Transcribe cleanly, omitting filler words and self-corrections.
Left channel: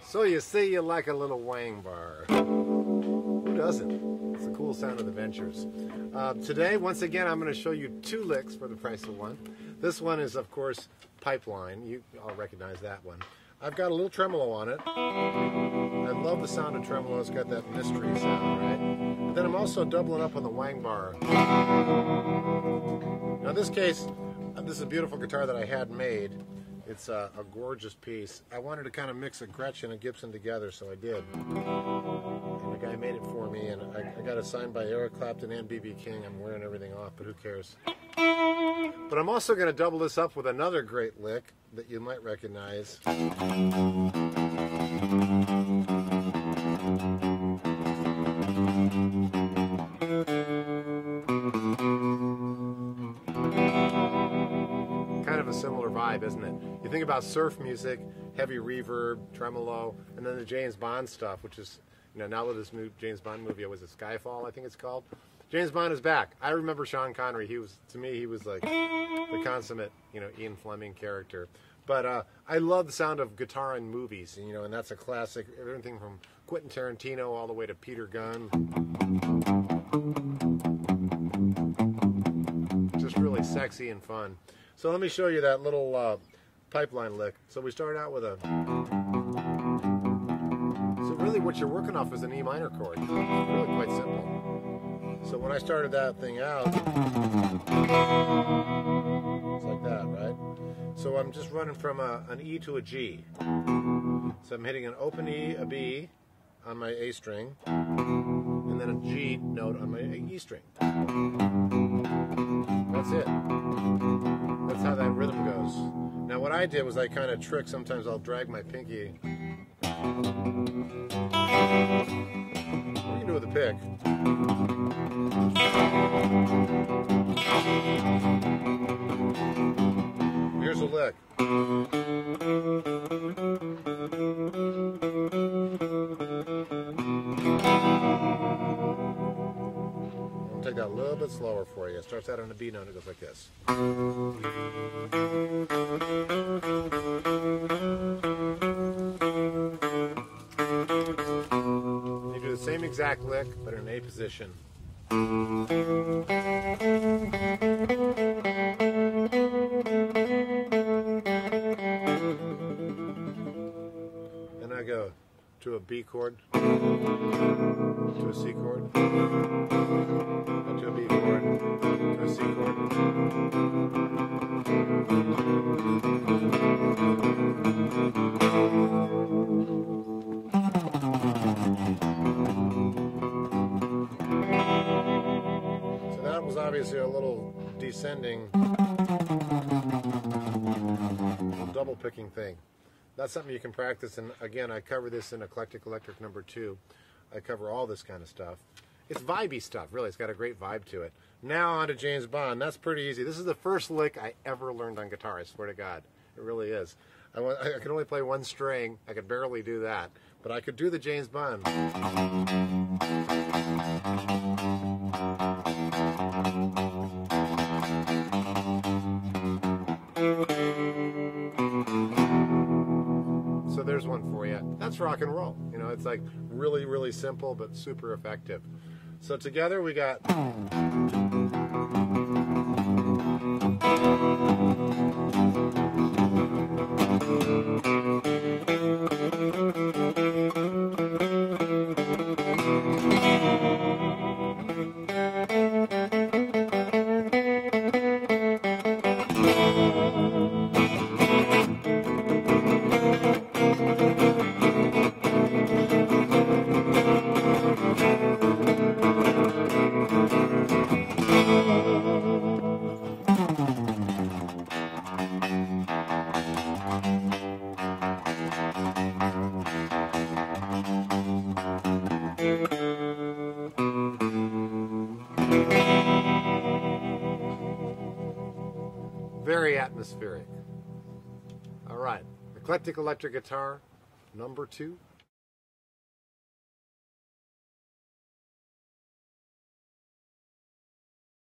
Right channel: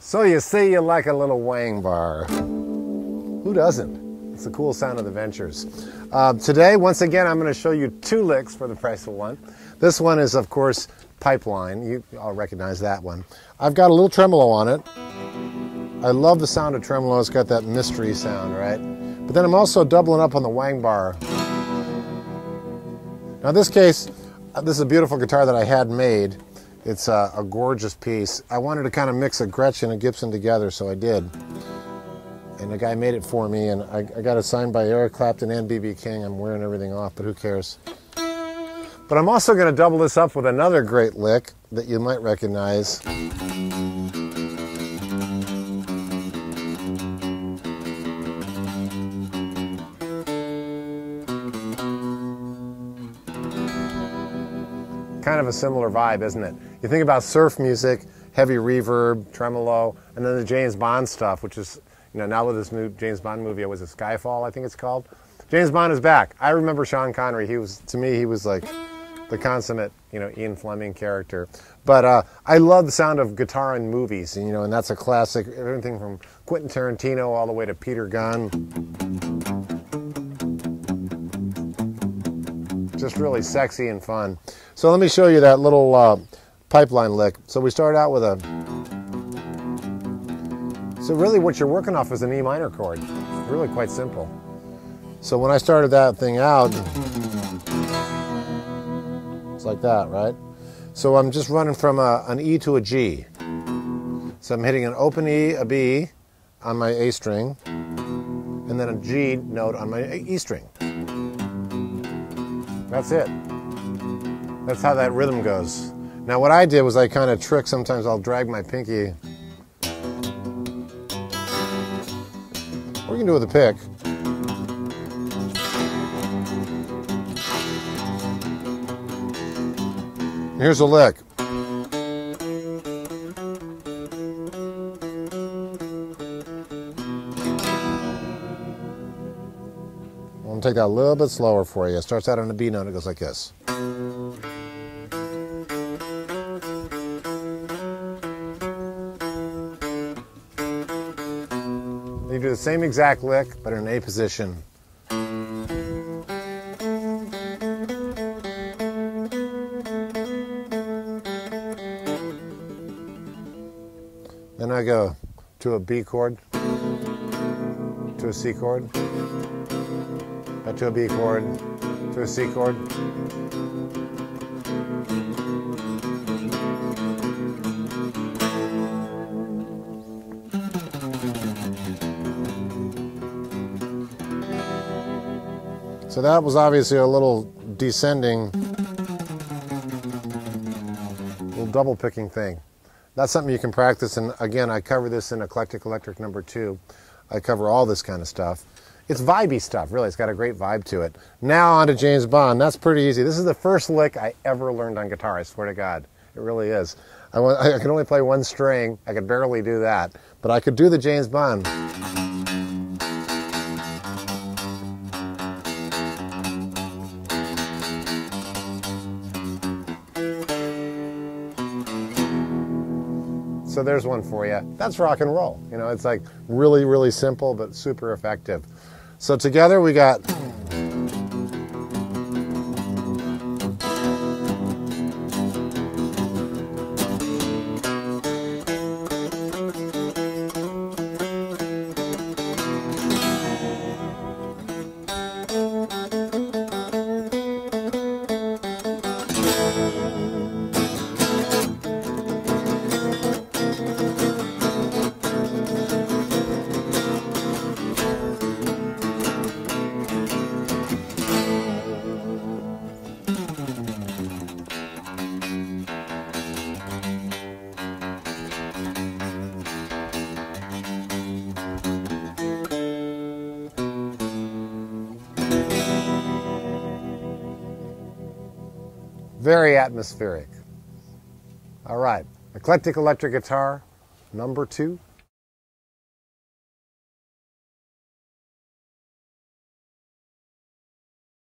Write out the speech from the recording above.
So you see, you like a little wang bar. Who doesn't? It's the cool sound of the Ventures. Today, once again, I'm going to show you two licks for the price of one. This one is, of course, Pipeline. You all recognize that one. I've got a little tremolo on it. I love the sound of tremolo. It's got that mystery sound, right? But then I'm also doubling up on the wang bar. Now, in this case, this is a beautiful guitar that I had made. It's a gorgeous piece. I wanted to kind of mix a Gretsch and a Gibson together, so I did. And the guy made it for me, and I got it signed by Eric Clapton and B.B. King. I'm wearing everything off, but who cares? But I'm also going to double this up with another great lick that you might recognize. Kind of a similar vibe, isn't it? You think about surf music, heavy reverb, tremolo, and then the James Bond stuff, which is, you know, now with this new James Bond movie, it was a Skyfall, I think it's called. James Bond is back. I remember Sean Connery. To me, he was like the consummate, you know, Ian Fleming character. But I love the sound of guitar in movies, and, you know, and that's a classic. Everything from Quentin Tarantino all the way to Peter Gunn. Just really sexy and fun. So let me show you that little Pipeline lick. So we start out with a... So really what you're working off is an E minor chord. It's really quite simple. So when I started that thing out, it's like that, right? So I'm just running from an E to a G. So I'm hitting an open E, a B on my A string, and then a G note on my E string. That's it. That's how that rhythm goes. Now what I did was I kind of trick. Sometimes I'll drag my pinky. Or you can do it with a pick. Here's a lick. I'm going to take that a little bit slower for you. It starts out on a B note, it goes like this. You do the same exact lick, but in an A position. Then I go to a B chord, to a C chord, back to a B chord, to a C chord. So that was obviously a little descending, little double picking thing. That's something you can practice, and again, I cover this in Eclectic Electric number 2. I cover all this kind of stuff. It's vibey stuff, really. It's got a great vibe to it. Now on to James Bond. That's pretty easy. This is the first lick I ever learned on guitar, I swear to God. It really is. I could only play one string. I could barely do that, but I could do the James Bond. So there's one for you. That's rock and roll. You know, it's like really, really simple, but super effective. So together we got... Very atmospheric. All right, eclectic electric guitar, number 2.